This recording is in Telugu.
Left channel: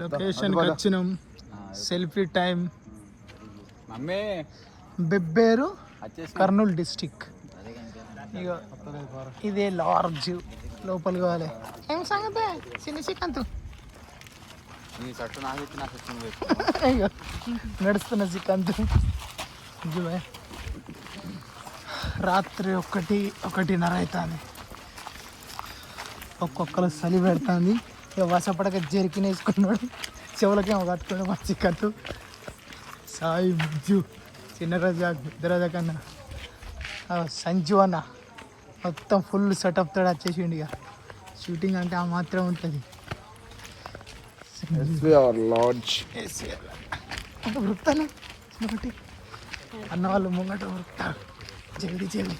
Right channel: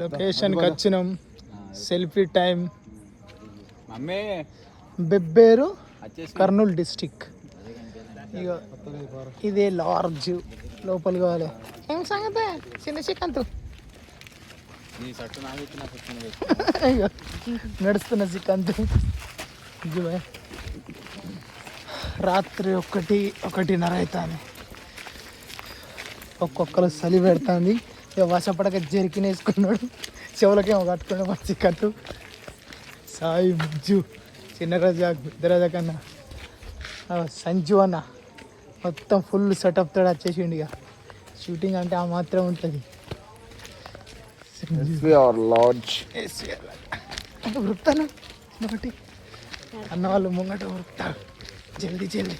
లొకేషన్కి వచ్చినాం. Selfie time. Bebberu Kurnool district. ఇదే లార్జ్ లోపల కావాలి. ఏం సంగతి చిన్న చిక్కంతో నడుస్తున్న చిక్కంతో. రాత్రి 1:30 అవుతుంది. ఒక్కొక్కరు సెలి పెడుతుంది. ఇక వసపడక జరికినేసుకున్నాడు. చెవులకేమో కట్టుకున్న మా చిక్కట్టు. సాయి ముజ్జు చిన్నగా దరద కన్నా సంజు అన్న మొత్తం ఫుల్ సెటప్ తోడు వచ్చేసిండు. ఇక షూటింగ్ అంటే ఆ మాత్రం ఉంటుంది. వృత్తాలు ఒకటి అన్న వాళ్ళు ముంగట వృత్తాలు జల్దీ జల్దీ